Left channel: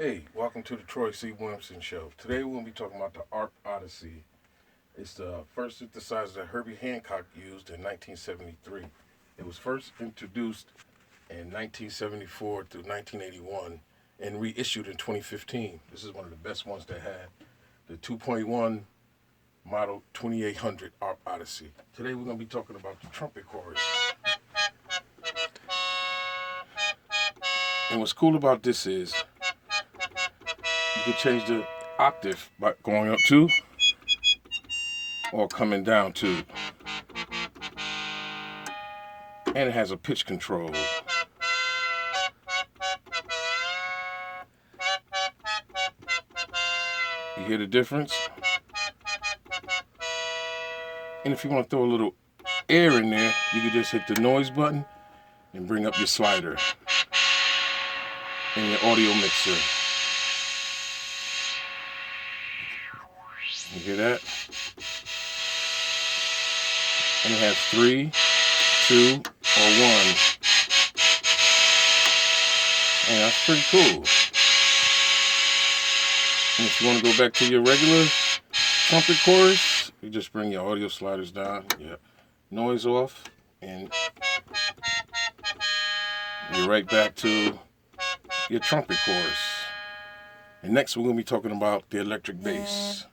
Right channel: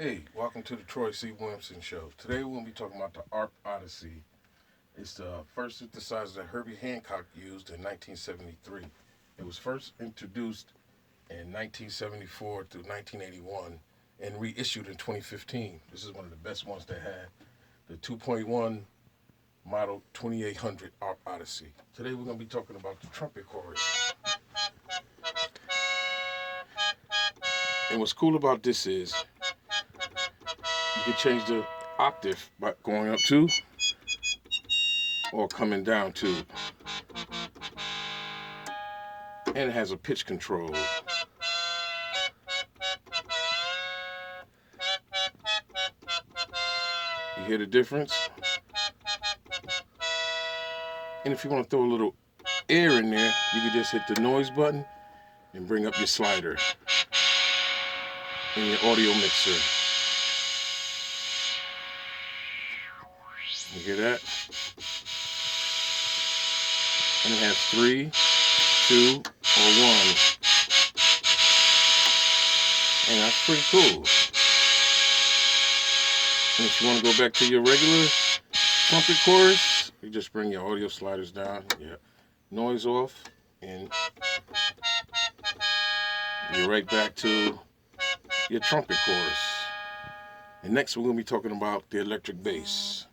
Hey, welcome to the Troy-C Williamson Show. Today we're going to be talking about the Arc Odyssey. It's the first synthesizer that Herbie Hancock used in 1973. It was first introduced in 1974 through 1981 and reissued in 2015. This is one of the best ones they had. The 2.1 model 2800 Arc Odyssey. Today we're going to be talking about the trumpet chorus. And what's cool about this is you can change the octave by going up two or coming down two. And it has a pitch control. You hear the difference? And if you want to throw a little air in there, you can just hit the noise button and bring up your slider in your audio mixer. You hear that? And it has 3, 2, or 1. And that's pretty cool. And if you want to go back to your regular trumpet chorus, you just bring your audio sliders down, your noise off, and you're right back to your trumpet chorus. And next we're going to be talking about the electric bass.